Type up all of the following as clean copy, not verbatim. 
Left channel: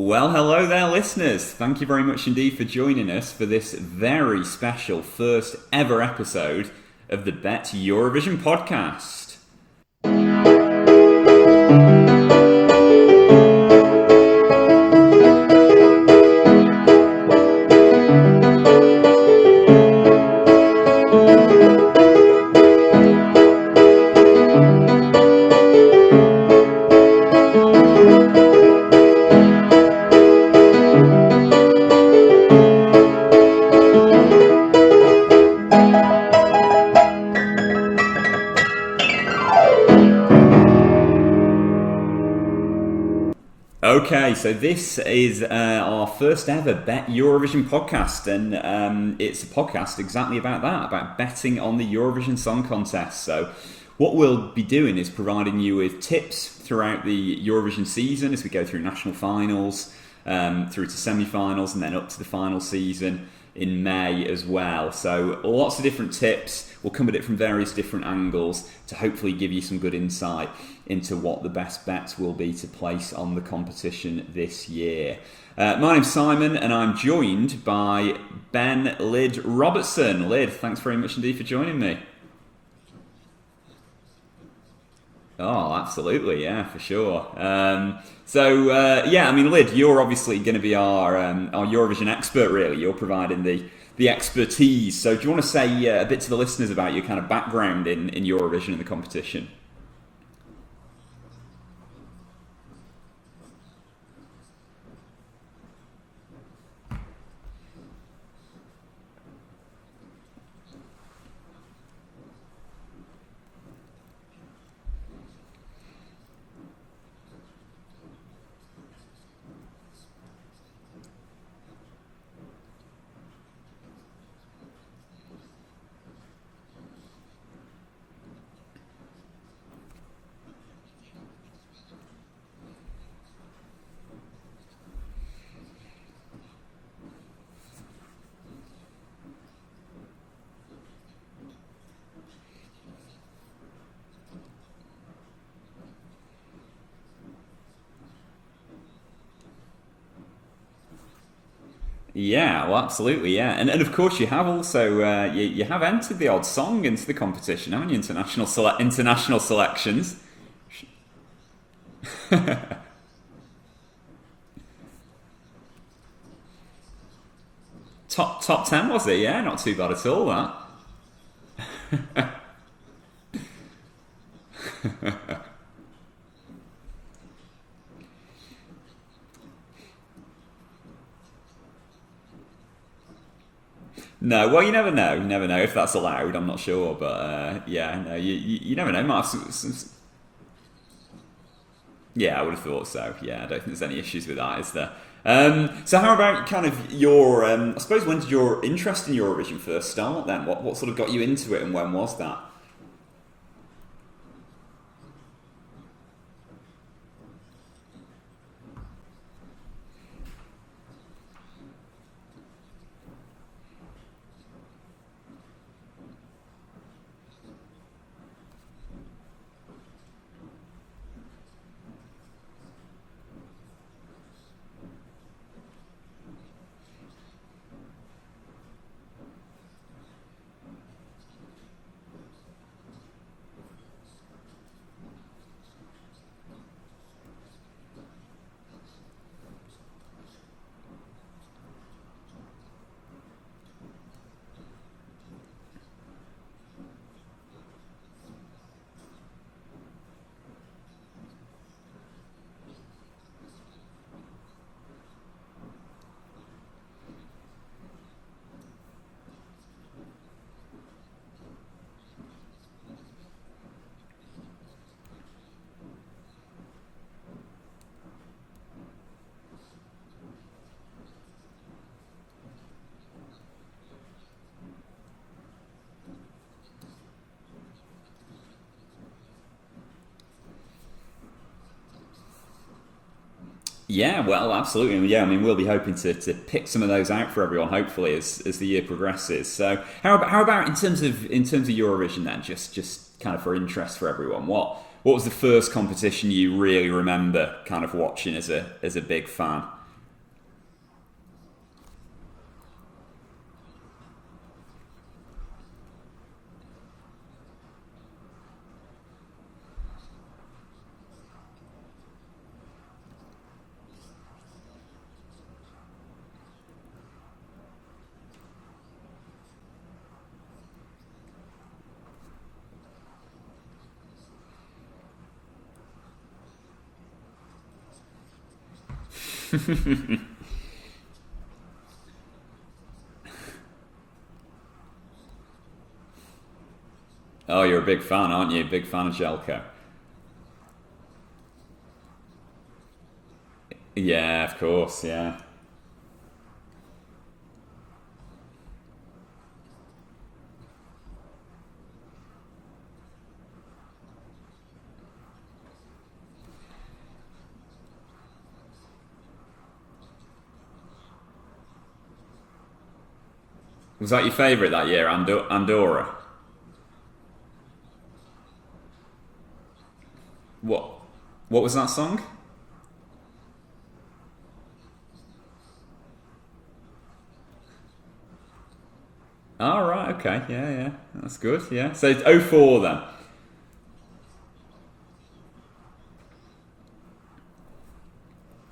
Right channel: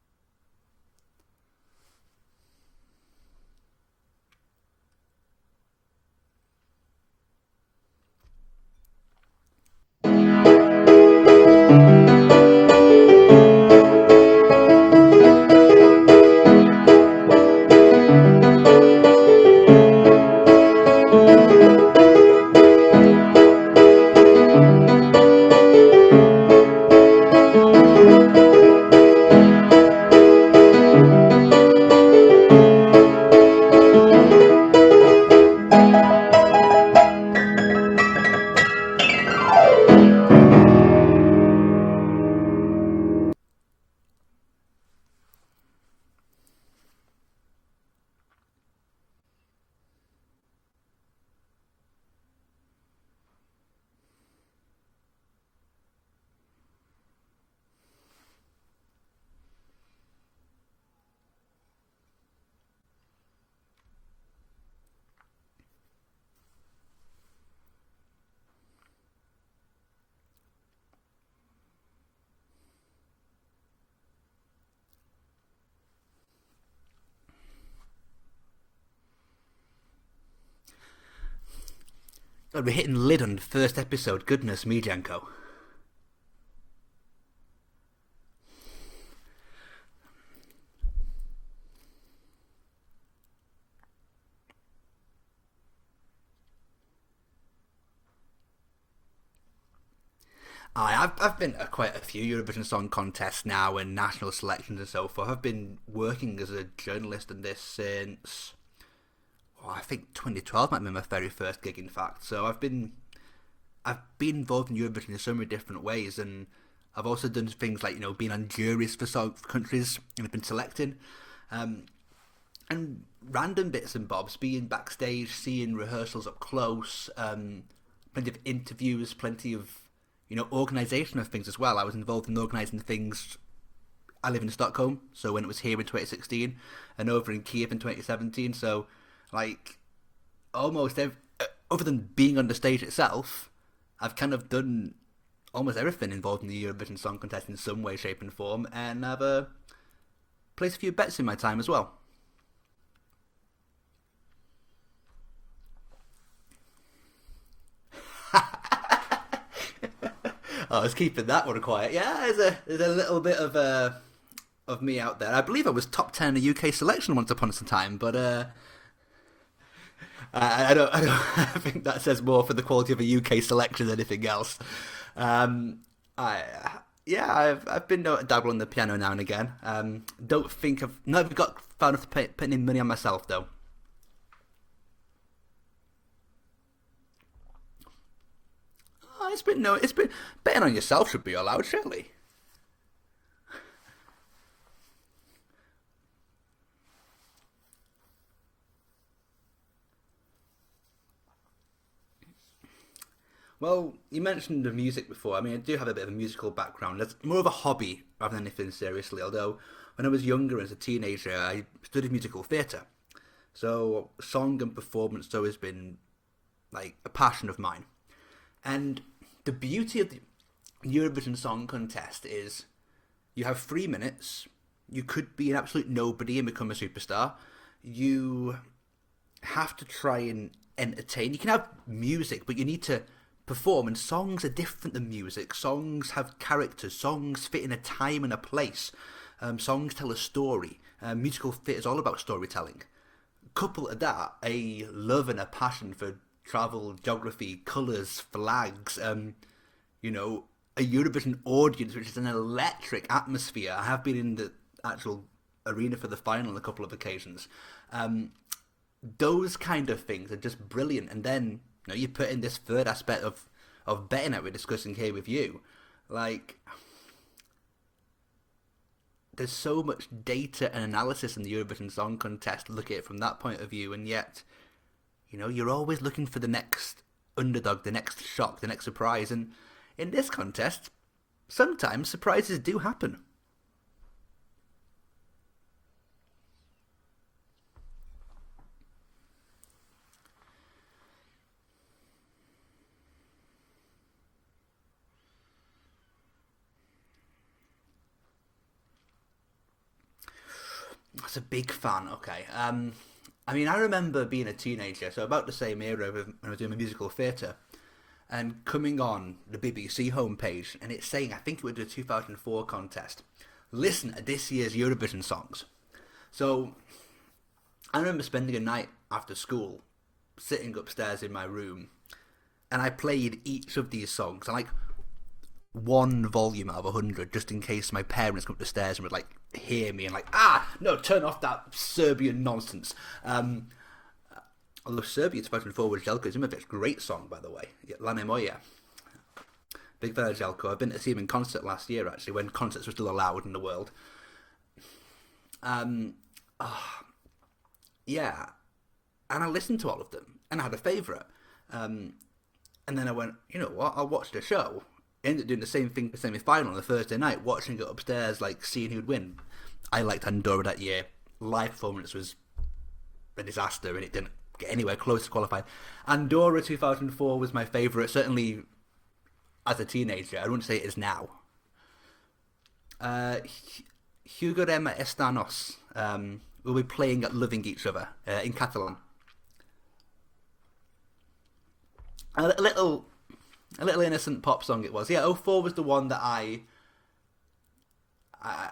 Well, hello there, listeners. Thank you very much indeed for joining us for this very special first ever episode of the BetEurovision podcast. Okay, so this is our first ever Bet Eurovision podcast, and it's a podcast exactly about that, about betting on the Eurovision Song Contest. So what we'll be doing is providing you with tips throughout the Eurovision season as we go through national finals, through to semi-finals, and then up to the final season in May as well. So lots of different tips. We'll come at it from various different angles to hopefully give you some good insight into what the best bets will be to place on the competition this year. My name's Simon, and I'm joined by Ben Lyd Robertson. Lyd, thanks very much indeed for joining me. We're hitting Lyd on the first episode. Goodness me, Janko. Oh, absolutely, yeah, for sure. Lyd, you're obviously going to be our Eurovision expert, really. You're providing the expertise. So do you want to say a bit to the listeners about your kind of background in Eurovision and the competition? I've been at quite a few Eurovision Song Contests now and national selections and so forth. I've been working as a journalist in this since, I think 2012 might be my very first gig, in fact. So I've been involved in Eurovision in so many different ways, and I've also done things like being on juries for countries and I've been selecting, and random bits and bobs, being backstage, seeing rehearsals up close, plenty of interviews, plenty of organisation of things as well. I was involved in organising things. I live in Stockholm, so when it was here in 2016 and over in Kiev in 2017, so almost other than being on the stage itself, I've kind of done almost everything involved in the Eurovision Song Contest in some way, shape and form, and I've placed a few bets in my time as well. Yeah, well, absolutely, yeah, and of course you have also you have entered the odd song into the competition, haven't you? International selections. I was keeping that one quiet. Yeah, there's a little bit of me out there. I believe I was top 10 in the UK selection once upon a time, but top 10 was it? Yeah, not too bad at all. I don't I think that says more for the quality of a UK selection than anything else. I've been dabbling the piano now and again. Don't think I've never got far enough to putting in money on myself though. No, well, you never know. You never know if that's allowed. I'm not sure, but you never know. It's been betting on yourself should be allowed, surely. Yeah, I would have thought so. Yeah, I don't think there's any issues with that, is there? So how about kind of your? I suppose when did your interest in Eurovision first start? Then what sort of got you into it, and when was that? Well, you mentioned the music before. I mean, I do have a bit of a musical background. It's more of a hobby rather than anything seriously. Although when I was younger, as a teenager, I studied musical theatre. So song and performance has always been like a passion of mine. And the beauty of the Eurovision Song Contest is you have 3 minutes. You could be an absolute nobody and become a superstar. You have to try and entertain. You can have music, but you need to perform, and songs are different than music. Songs have characters. Songs fit in a time and a place. Songs tell a story. Musical theatre is all about storytelling. Couple of that, a love and a passion for travel, geography, colours, flags, a Eurovision audience, which is an electric atmosphere. I have been in the actual arena for the final on a couple of occasions. Those kind of things are just brilliant. And then you put in this third aspect of betting that we're discussing here with you. There's so much data and analysis in the Eurovision Song Contest. Look at it from that point of view, and yet, you're always looking for the next underdog, the next shock, the next surprise. And in this contest, sometimes surprises do happen. Yeah, well, absolutely. Yeah, I mean, we'll be hoping to pick some of those out for everyone, hopefully, as the year progresses. So, how about in terms of Eurovision then? Just kind of for interest for everyone, what was the first competition you really remember kind of watching as a big fan? That's a big fan. Okay. I mean, I remember being a teenager, so about the same era when I was doing my musical theatre, and coming on the BBC homepage, and it's saying, I think it was the 2004 contest, listen to this year's Eurovision songs. So I remember spending a night after school, sitting upstairs in my room, and I played each of these songs, and like one volume out of 100, just in case my parents come up the stairs and would like hear me and like, no, turn off that Serbian nonsense. Although Serbia 2004 with Jelko Zimovic's great song, by the way. Oh, you're a big fan, aren't you? Big fan of Jelko. Big fan of Jelko. I've been to see him in concert last year, actually, when concerts were still allowed in the world. Yeah, of course, yeah. Yeah. And I listened to all of them, and I had a favourite. And then I went, you know what, I'll watch the show. Ended up doing the same thing for the semi-final on the Thursday night, watching it upstairs, like, seeing who'd win. I liked Andorra that year. Live performance was a disaster. Was that your favourite that year, Andorra? Andorra 2004 was my favourite, certainly as a teenager. I wouldn't say it is now. What was that song? Jugarem Estanos. We'll be playing at Loving Each Other in Catalan. Oh, right, okay, yeah, that's good, yeah. So it's 04 then. A little innocent pop song it was. Yeah, 04 was the one that I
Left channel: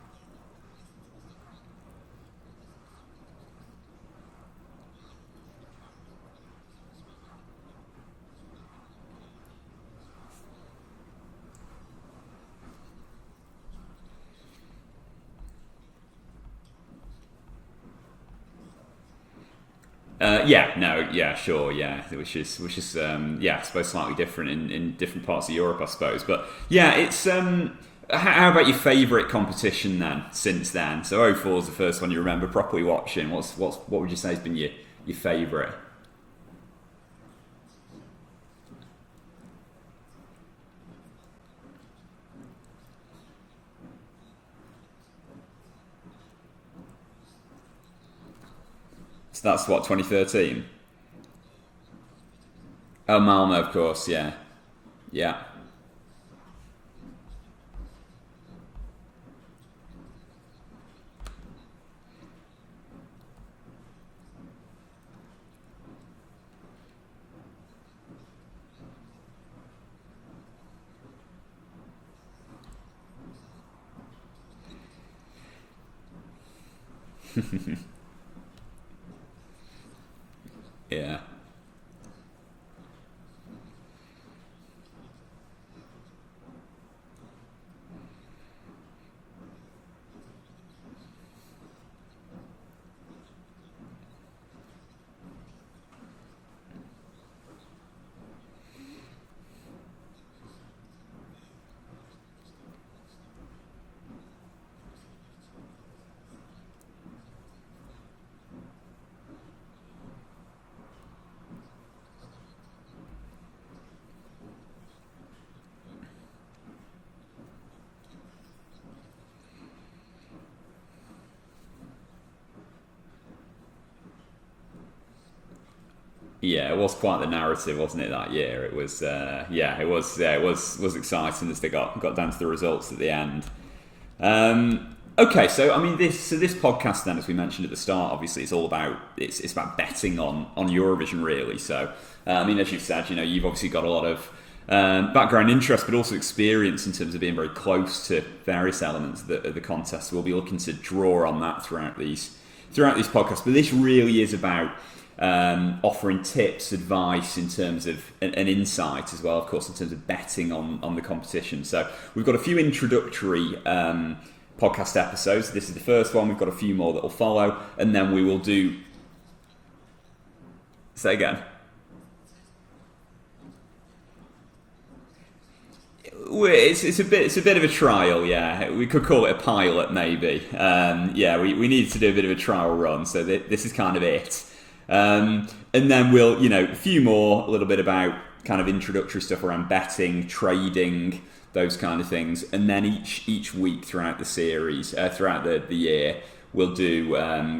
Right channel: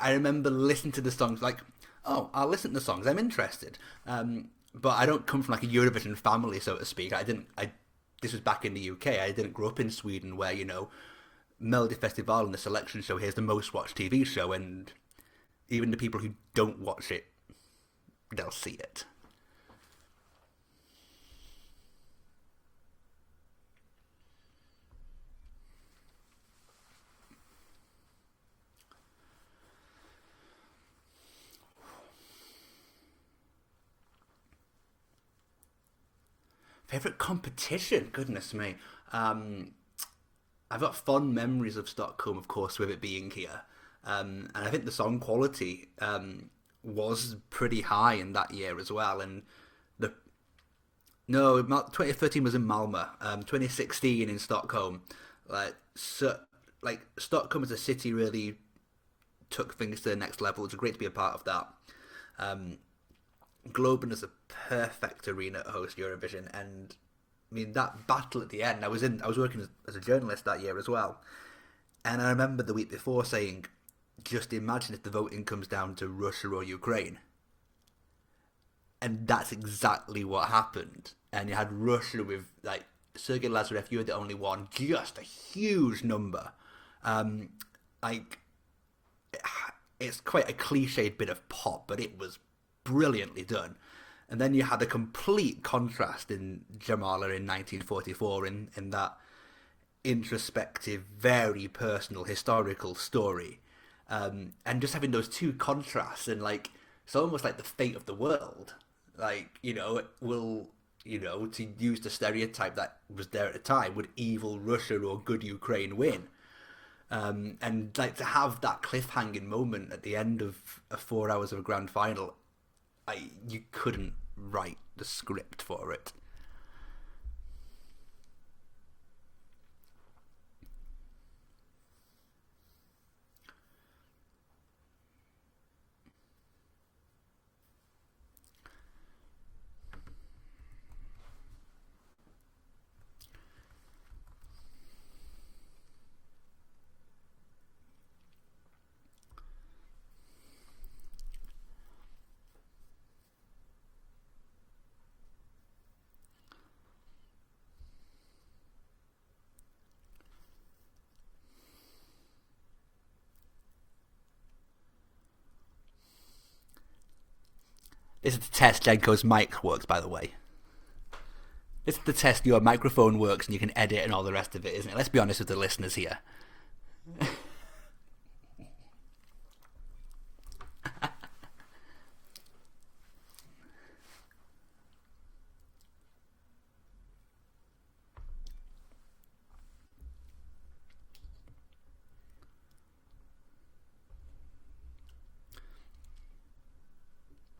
remember listening to the songs, like, oh, I'll listen to the songs, I'm interested. But I don't come from like a Eurovision family, so to speak. This was back in the UK. I didn't grow up in Sweden where, you know, Melody Festival and the selection show here's the most watched TV show, and even the people who don't watch it, they'll see it. Sure, which is I suppose slightly different in different parts of Europe, I suppose. But yeah, it's how about your favourite competition then? Since then, so 04 is the first one you remember properly watching. What would you say has been your favourite? Favourite competition? Goodness me, I've got fond memories of Stockholm, of course, with it being here, and I think the song quality was pretty high in that year as well. And so that's what, 2013? No, 2013 was in Malmö. Oh, Malmö, of course, yeah. 2016 in Stockholm. Yeah. Stockholm as a city really took things to the next level. It was great to be a part of that. Globen is a perfect arena to host Eurovision, and I mean that battle at the end. I was working as a journalist that year as well, and I remember the week before saying, just imagine if the voting comes down to Russia or Ukraine. And that's exactly what happened. Yeah. And you had Russia with, like, Sergei Lazarev, you were the only one, just a huge number. It's quite a cliched bit of pop, but it was brilliantly done. And then you had a complete contrast in Jamala in 1944 in that introspective, very personal, historical story. And just having those two contrasts, and like it's almost like the fate of the world. Like, you know, to use the stereotype that was there at the time, would evil Russia or good Ukraine win? And like to have that cliffhanging moment at the end of 4 hours of a grand final, you couldn't write the script for it. Yeah, it was quite the narrative, wasn't it? That year, it was. It was exciting as they got down to the results at the end. Okay, so I mean, this podcast then, as we mentioned at the start, obviously it's all about it's about betting on Eurovision, really. So I mean, as you've said, you know, you've obviously got a lot of background interest, but also experience in terms of being very close to various elements of the contest. We'll be looking to draw on that throughout these podcasts. But this really is about offering tips, advice in terms of an insight as well, of course, in terms of betting on the competition. So we've got a few introductory podcast episodes. This is the first one. We've got a few more that will follow, and then we will do test Jenko's mic works, by the way. Say again. It's the test your microphone works and you can edit and all the rest of it, isn't it? Let's be honest with the listeners here. It's a bit of a trial, yeah. We could call it a pilot, maybe. We need to do a bit of a trial run, so this is kind of it. And then we'll, you know, a few more, a little bit about kind of introductory stuff around betting, trading, those kind of things. And then each week throughout the series, throughout the year, We'll do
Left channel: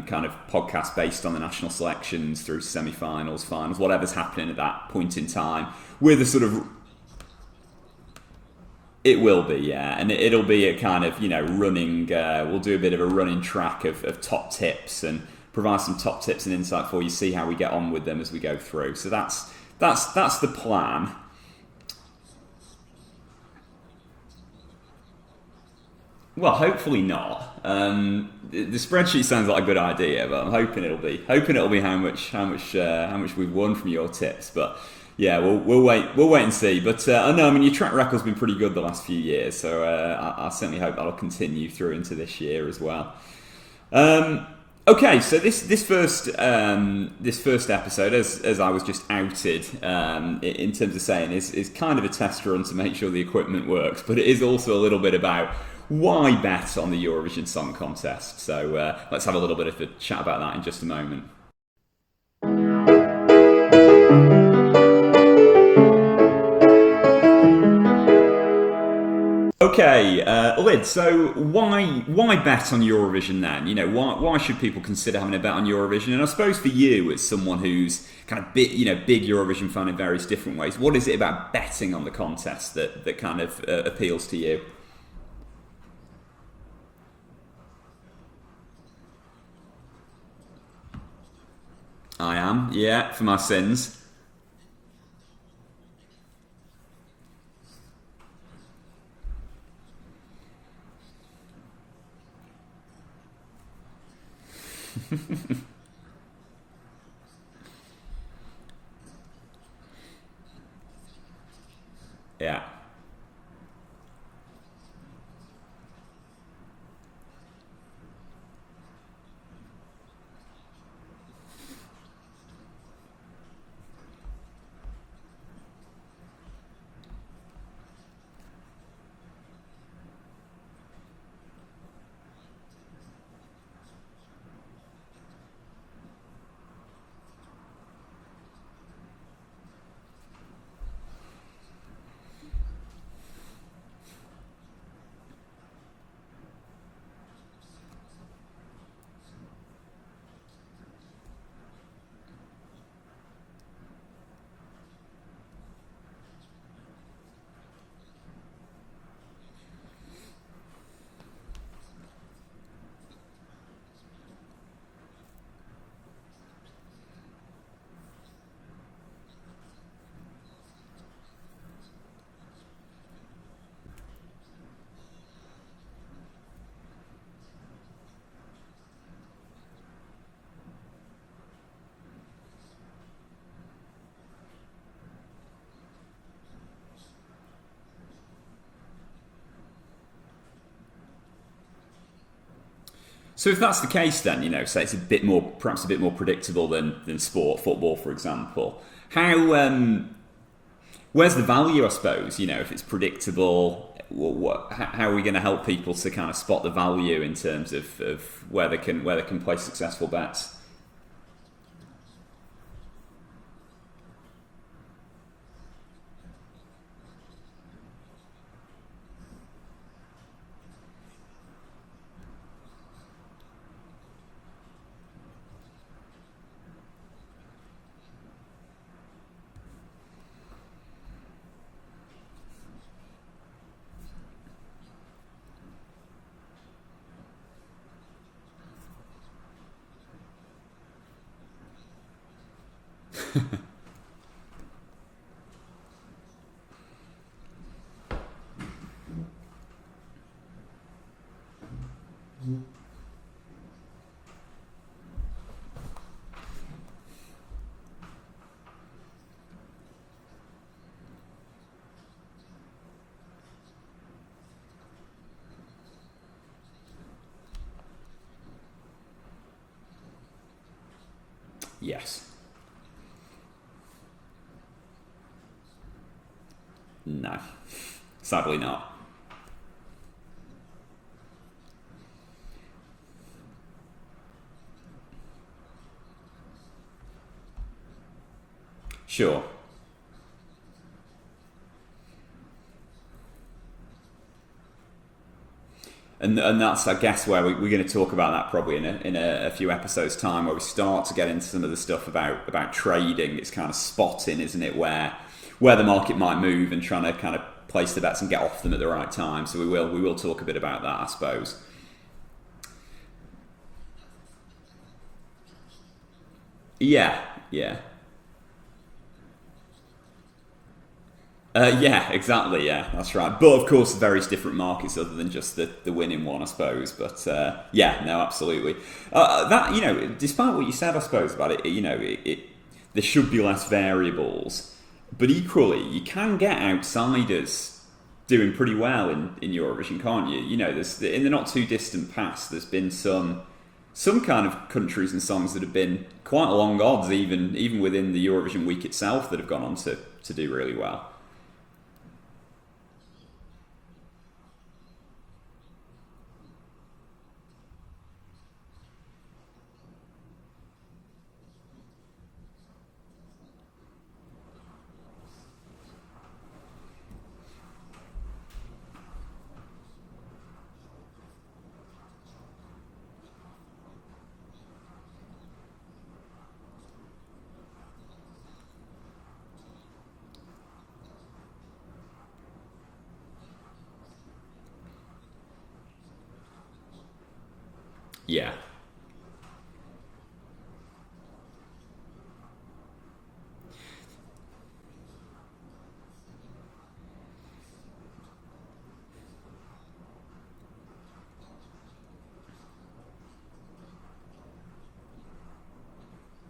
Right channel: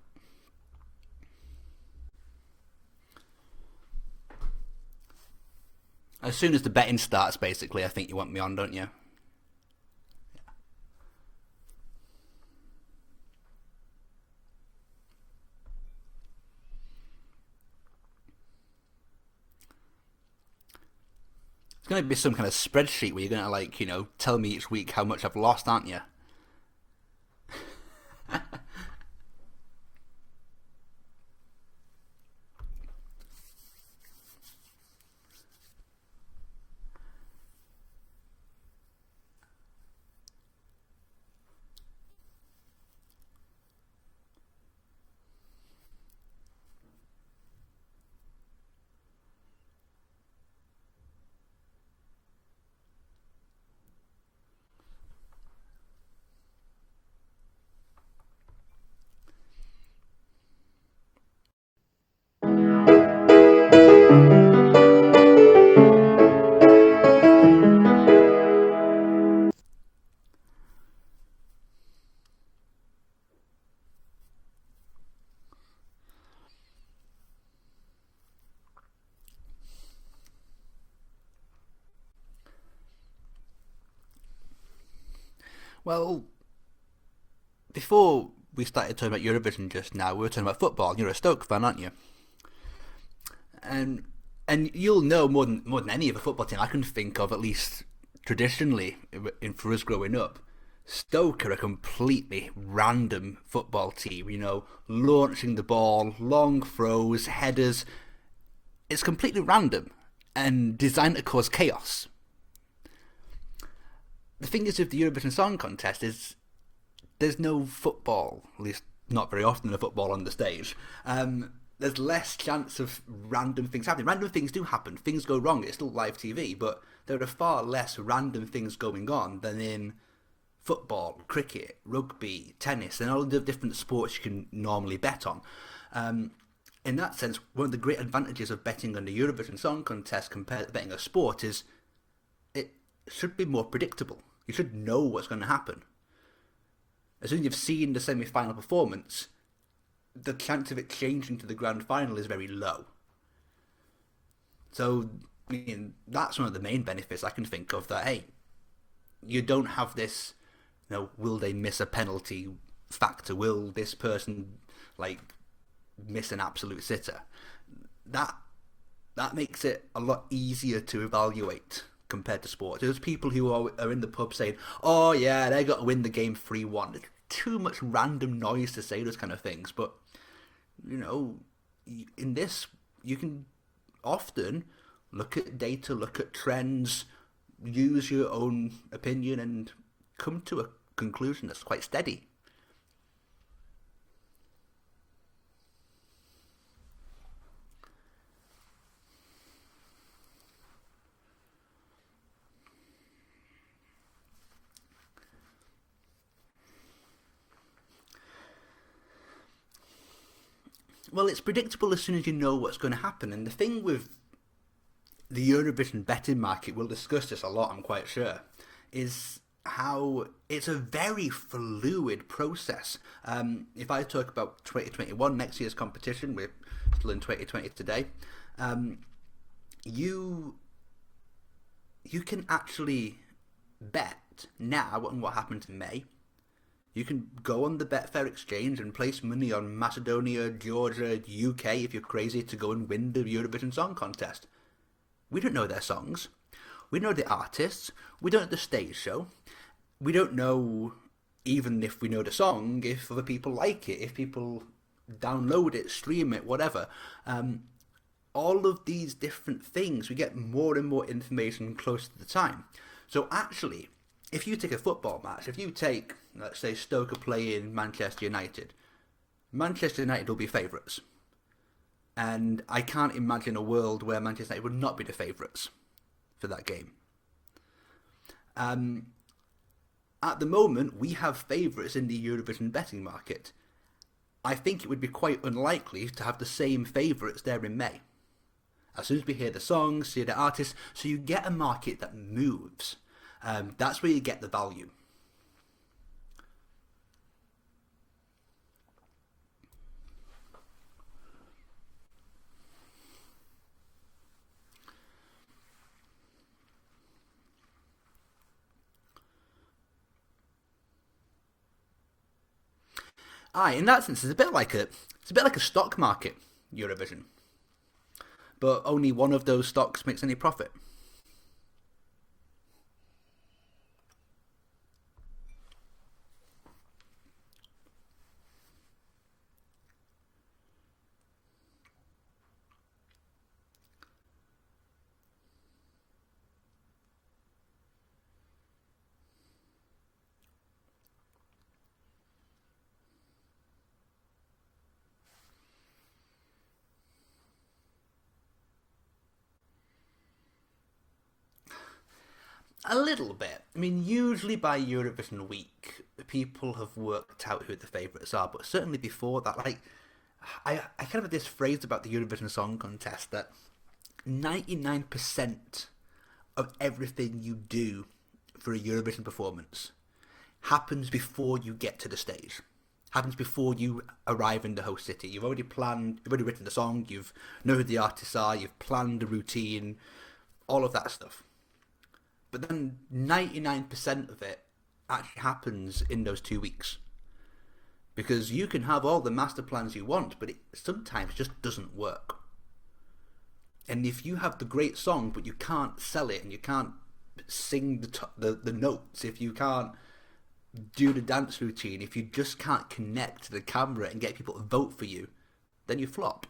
kind of podcasts based on the national selections through semi-finals, finals, whatever's happening at that point in time. With as soon as the betting starts, basically, I think you want me on, don't you? It will be, yeah, and it'll be a kind of running. We'll do a bit of a running track of top tips and provide some top tips and insight for you. See how we get on with them as we go through. So that's the plan. It's going to be some kind of spreadsheet where you're going to tell me each week how much I've lost, aren't you? Well, hopefully not. The spreadsheet sounds like a good idea, but I'm hoping it'll be how much we've won from your tips. But yeah, we'll wait and see. But I know, your track record's been pretty good the last few years, so I certainly hope that'll continue through into this year as well. Okay, so this first episode, as I was just outed in terms of saying, is kind of a test run to make sure the equipment works, but it is also a little bit about why bet on the Eurovision Song Contest. So let's have a little bit of a chat about that in just a moment. Okay, Lyd, so why bet on Eurovision then? Why should people consider having a bet on Eurovision? And I suppose for you, as someone who's kind of big Eurovision fan in various different ways, what is it about betting on the contest that kind of appeals to you? Well, before we started talking about Eurovision just now, we were talking about football. You're a Stoke fan, aren't you? I am, yeah, for my sins. And you'll know more than any other football team I can think of, at least traditionally, for us growing up, Stoke are a completely random football team. Launching the ball, long throws, headers. It's completely random and designed to cause chaos. Yeah. The thing is with the Eurovision Song Contest is there's no football, at least not very often a football on the stage. There's less chance of random things happening. Random things do happen. Things go wrong. It's still live TV, but there are far less random things going on than in football, cricket, rugby, tennis, and all the different sports you can normally bet on. In that sense, one of the great advantages of betting on the Eurovision Song Contest compared to betting a sport is it should be more predictable. You should know what's going to happen. As soon as you've seen the semi-final performance, the chance of it changing to the grand final is very low. So, that's one of the main benefits I can think of, that, hey, you don't have this, will they miss a penalty factor? Will this person, miss an absolute sitter? That makes it a lot easier to evaluate compared to sport. There's people who are in the pub saying, oh yeah, they got to win the game 3-1. It's too much random noise to say those kind of things, but in this you can often look at data, look at trends, use your own opinion and come to a conclusion that's quite steady. So if that's the case then, say it's perhaps a bit more predictable than sport, football for example, how where's the value, I suppose? If it's predictable, how are we going to help people to kind of spot the value in terms of where they can place successful bets? Well, it's predictable as soon as you know what's going to happen. And the thing with the Eurovision betting market, we'll discuss this a lot, I'm quite sure, is how it's a very fluid process. If I talk about 2021, next year's competition, we're still in 2020 today, you can actually bet now on what happens in May. You can go on the Betfair exchange and place money on Macedonia, Georgia, UK if you're crazy to go and win the Eurovision Song Contest. We don't know their songs. We know the artists. We don't know the stage show. We don't know, even if we know the song, if other people like it, if people download it, stream it, whatever. All of these different things, we get more and more information close to the time. So actually, if you take a football match, if you take, let's say, Stoke are playing Manchester United will be favourites. Yes. And I can't imagine a world where Manchester United would not be the favourites for that game. No, sadly not. At the moment, we have favourites in the Eurovision betting market. I think it would be quite unlikely to have the same favourites there in May. As soon as you hear the songs, see the artists, so you get a market that moves. That's where you get the value. And that's, I guess, where we're going to talk about that probably in a few episodes' time, where we start to get into some of the stuff about trading. It's kind of spotting, isn't it, where the market might move and trying to kind of place the bets and get off them at the right time. So we will talk a bit about that, I suppose. In that sense, it's a bit like a stock market. Yeah. But only one of those stocks makes any profit. Yeah, exactly. Yeah, that's right. But of course, various different markets other than just the winning one, I suppose. But yeah, no, absolutely. That, despite what you said, I suppose about it, there should be less variables. But equally, you can get outsiders doing pretty well in Eurovision, can't you? There's in the not too distant past, there's been some kind of countries and songs that have been quite long odds, even within the Eurovision week itself, that have gone on to do really well. A little bit. I mean, usually by Eurovision week, people have worked out who the favourites are, but certainly before that, like, I kind of have this phrase about the Eurovision Song Contest that 99% of everything you do for a Eurovision performance happens before you get to the stage. Happens before you arrive in the host city. You've already written the song, you know who the artists are, you've planned the routine, all of that stuff. But then 99% of it actually happens in those 2 weeks. Because you can have all the master plans you want, but it sometimes just doesn't work. And if you have the great song, but you can't sell it, and you can't sing the notes, if you can't do the dance routine, if you just can't connect to the camera and get people to vote for you, then you flop.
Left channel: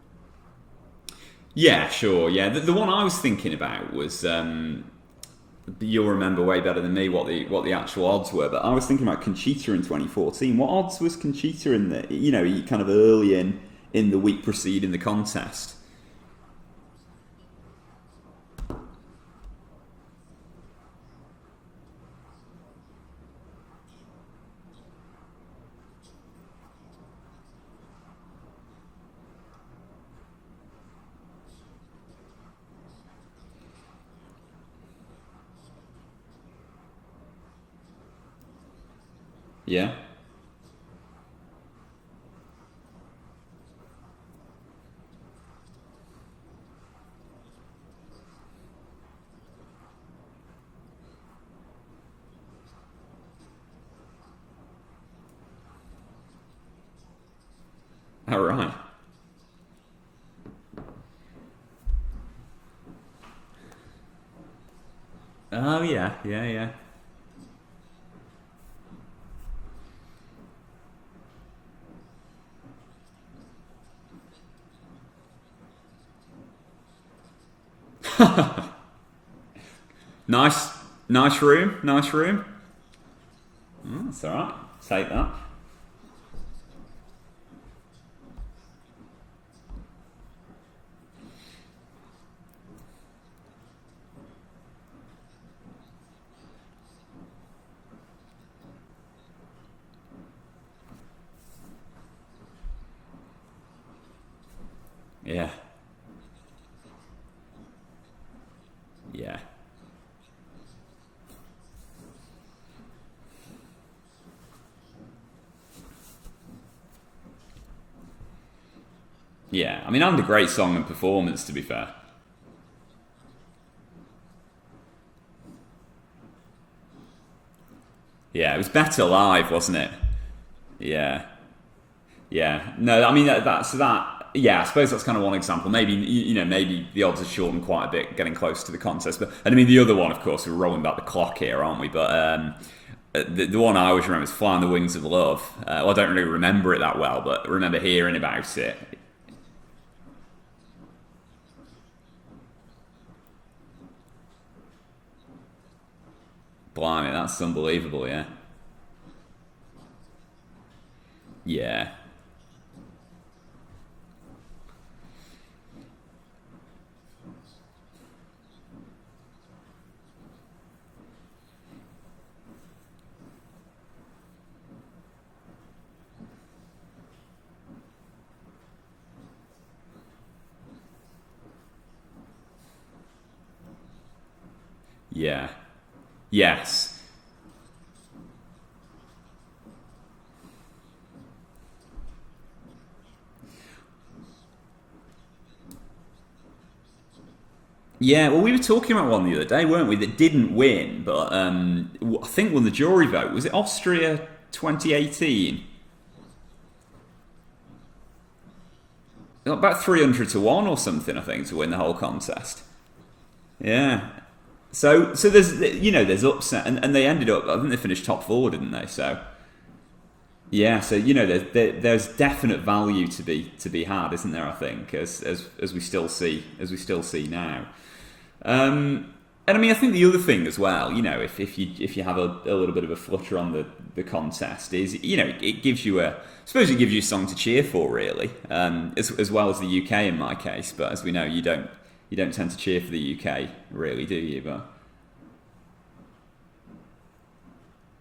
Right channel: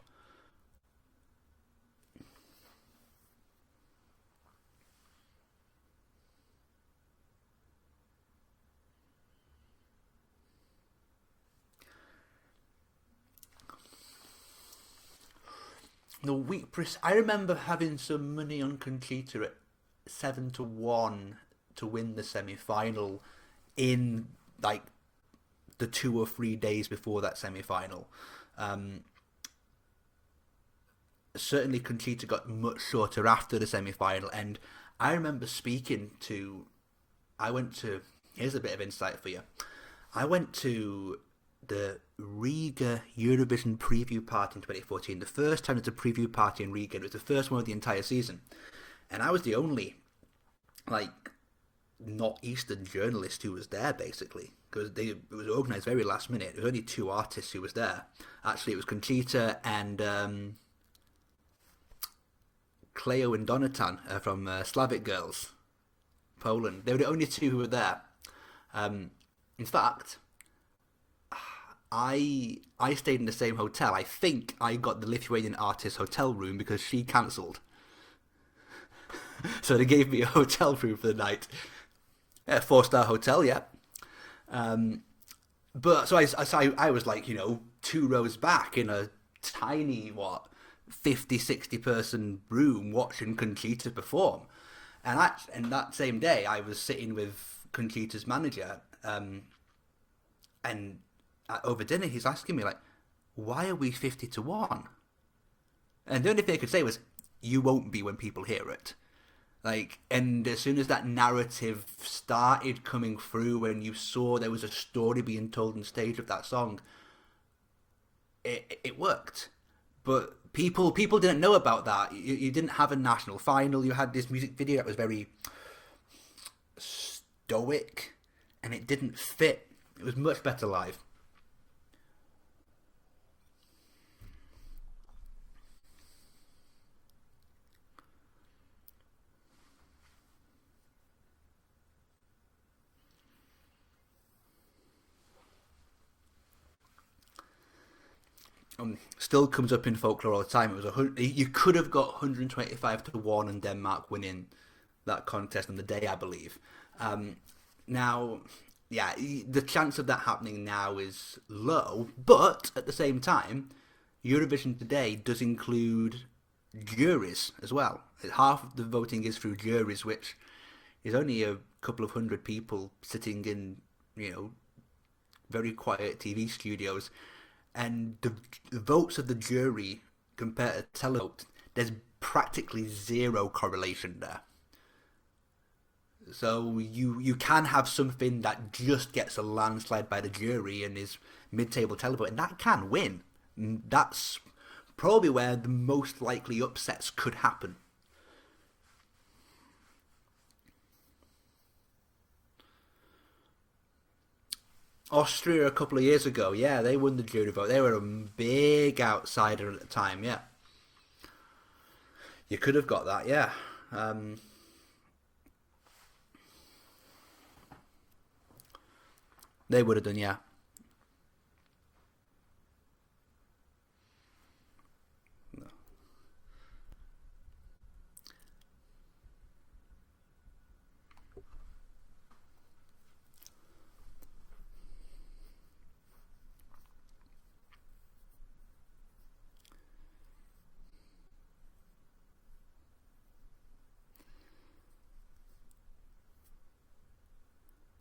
Yeah, sure. Yeah, the one I was thinking about was... you'll remember way better than me what the actual odds were, but I was thinking about Conchita in 2014. What odds was Conchita in the kind of early in the week preceding the contest? I remember having some money on Conchita at 7-1 to win the semi-final in like the 2 or 3 days before that semi-final. Certainly Conchita got much shorter after the semi-final, and I remember here's a bit of insight for you. Yeah. I went to the Riga Eurovision preview party in 2014. The first time there's a preview party in Riga. It was the first one of the entire season. And I was the only, not Eastern journalist who was there, basically. Because it was organised very last minute. There was only 2 artists who was there. Oh, right. Actually, it was Conchita and... Cleo and Donatan from Slavic Girls. Oh, yeah. They were the only 2 who were there. In fact, I stayed in the same hotel. I think I got the Lithuanian artist's hotel room because she cancelled. So they gave me a hotel room for the night. Nice room. Yeah, 4-star hotel, yeah. That's all right. Take that. But so I was 2 rows back in a tiny, 50, 60 person room watching Conchita perform. And that same day I was sitting with Conchita's manager and over dinner he's asking me why are we 50-1? Yeah. And the only thing I could say was, you won't be when people hear it. Yeah. And as soon as that narrative started coming through, when you saw there was a story being told on stage of that song, it worked. Yeah, I mean, and the great song. People didn't know about that. You didn't have a national final. You had this music video that was very stoic. Yeah, it was better live, wasn't it? It was much better live. Yeah. No, I mean that's that. Yeah, I suppose that's kind of one example. Maybe maybe the odds are shortened quite a bit, getting close to the contest. But I mean, the other one, of course, we're rolling back the clock here, aren't we? But the one I always remember is "Fly on the Wings of Love." Well, I don't really remember it that well, but I remember hearing about it. Still comes up in folklore all the time. It was you could have got 125-1 and Denmark winning that contest on the day, I believe. Blimey, that's unbelievable. Now, yeah, the chance of that happening now is low. But at the same time, Eurovision today does include juries as well. Half of the voting is through juries, which is only a couple of hundred people sitting in, very quiet TV studios, and the votes of the jury compared to televote, there's practically zero correlation there. Yeah. Yes. So you can have something that just gets a landslide by the jury and is mid-table televote, and that can win. That's probably where the most likely upsets could happen. Yeah, well, we were talking about one the other day, weren't we, that didn't win, but I think won the jury vote. Was it Austria 2018? Austria a couple of years ago, yeah, they won the jury vote. They were a big outsider. About 300 to 1 or something, I think, to win the whole contest. You could have got that, yeah. Yeah. So there's upset, and they ended up, I think they finished top 4, didn't they? So they would have done, yeah. Yeah, so there's definite value to be had, isn't there? I think as we still see now. And I mean, I think the other thing as well, if you have a little bit of a flutter on the contest, is it gives you a song to cheer for, really, as well as the UK in my case. But as we know, you don't tend to cheer for the UK, really, do you? But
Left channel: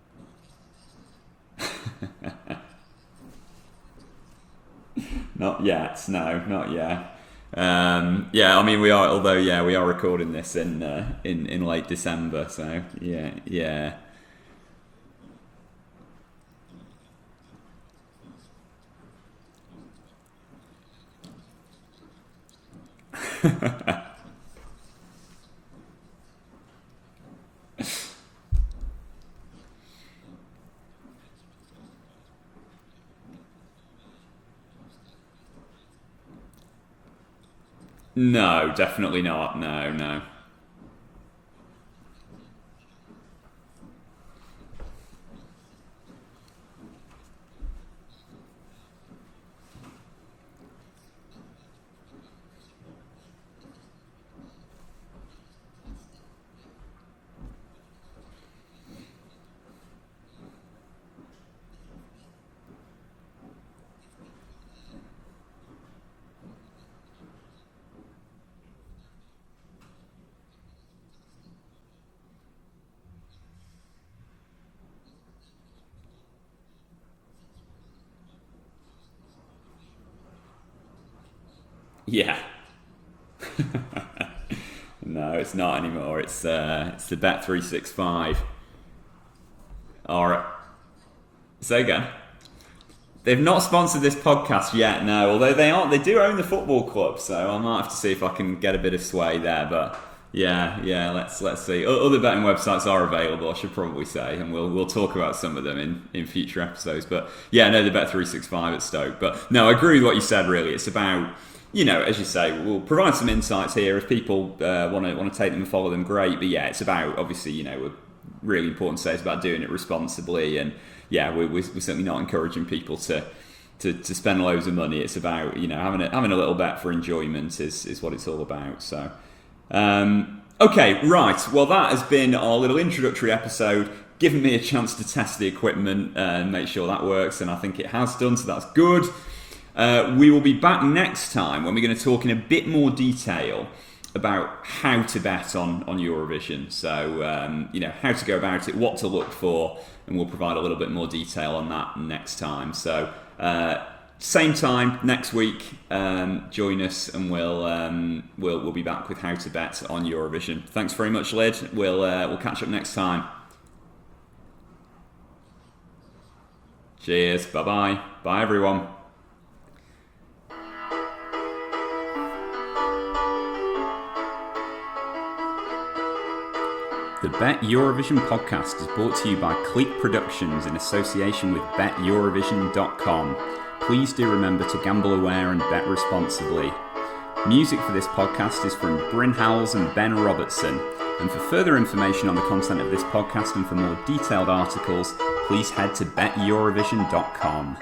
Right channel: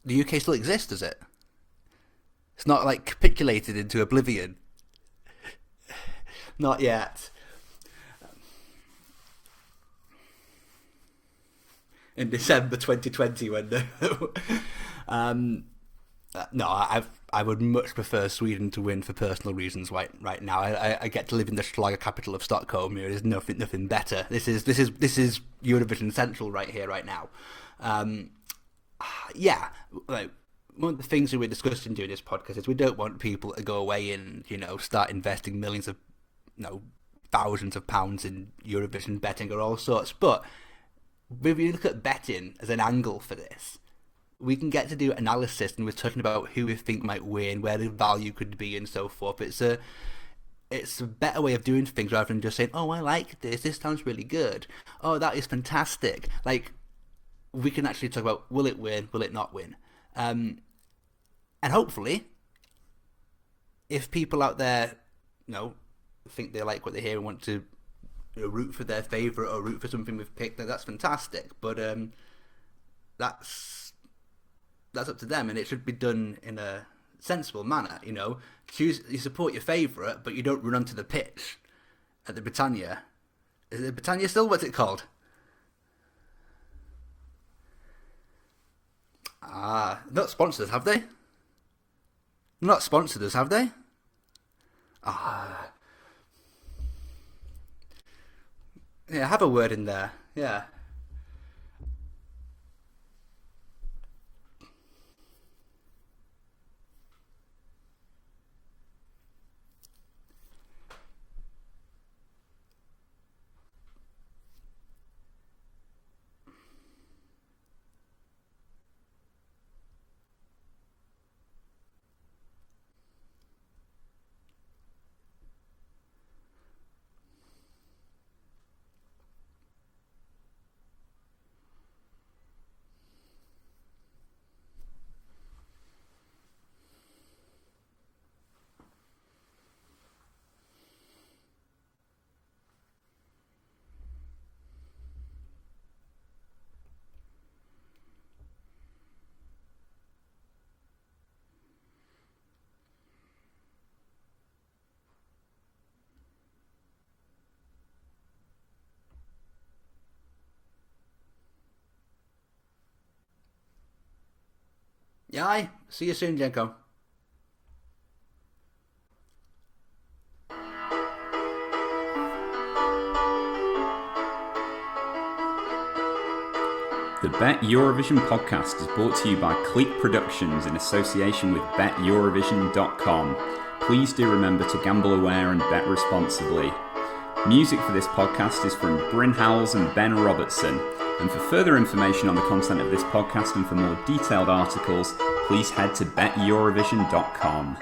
the UK still exists, does it? It's not like capitulated into oblivion. Not yet, no, not yet. Yeah, I mean we are recording this in late December. In December 2020. Yeah. No, I would much prefer Sweden to win for personal reasons right now. I get to live in the Schlager capital of Stockholm. There's nothing better. This is Eurovision Central right here, right now. Yeah, like, one of the things that we're discussing during this podcast is we don't want people to go away and start investing millions of thousands of pounds. No, definitely not. Or all sorts. No. But if you look at betting as an angle for this, we can get to do analysis, and we're talking about who we think might win, where the value could be, and so forth. It's a better way of doing things rather than just saying, "Oh, I like this. This sounds really good. Oh, that is fantastic." Like, we can actually talk about, will it win? Will it not win? And hopefully, if people out there, think they like what they hear and want to root for their favourite or root for something we've picked, that's fantastic. But that's up to them, and it should be done in a sensible manner. You support your favourite, but you don't run onto the pitch. Yeah. The Britannia. Is it Britannia still? What's it called? No, it's not anymore. It's the Bet365. Not sponsored us, have they? Say again. Not sponsored us. They've not sponsored this podcast yet. No, although they do own the football club, so I might have to see if I can get a bit of sway. Yeah, have a word in there. Yeah. Let's see. Other betting websites are available, I should probably say, and we'll talk about some of them in future episodes. But yeah, no, the Bet365 at Stoke. But no, I agree with what you said. Really, it's about, as you say, we'll provide some insights here. If people want to take them and follow them, great. But yeah, it's about, obviously, we're really important to say it's about doing it responsibly, and yeah, we're certainly not encouraging people to spend loads of money. It's about having a little bet for enjoyment is what it's all about. So okay, right, well, that has been our little introductory episode, giving me a chance to test the equipment and make sure that works, and I think it has done, so that's good. We will be back next time when we're going to talk in a bit more detail about how to bet on Eurovision. So, how to go about it, what to look for, and we'll provide a little bit more detail on that next time. So, same time next week, join us, and we'll be back with how to bet on Eurovision. Thanks very much, Lyd. We'll catch up next time. Yeah, see you soon, Jenko. Cheers. Bye-bye. Bye, everyone. The Bet Eurovision podcast is brought to you by Clique Productions in association with BetEurovision.com. Please do remember to gamble aware and bet responsibly. Music for this podcast is from Bryn Howells and Ben Robertson. And for further information on the content of this podcast and for more detailed articles, please head to BetEurovision.com.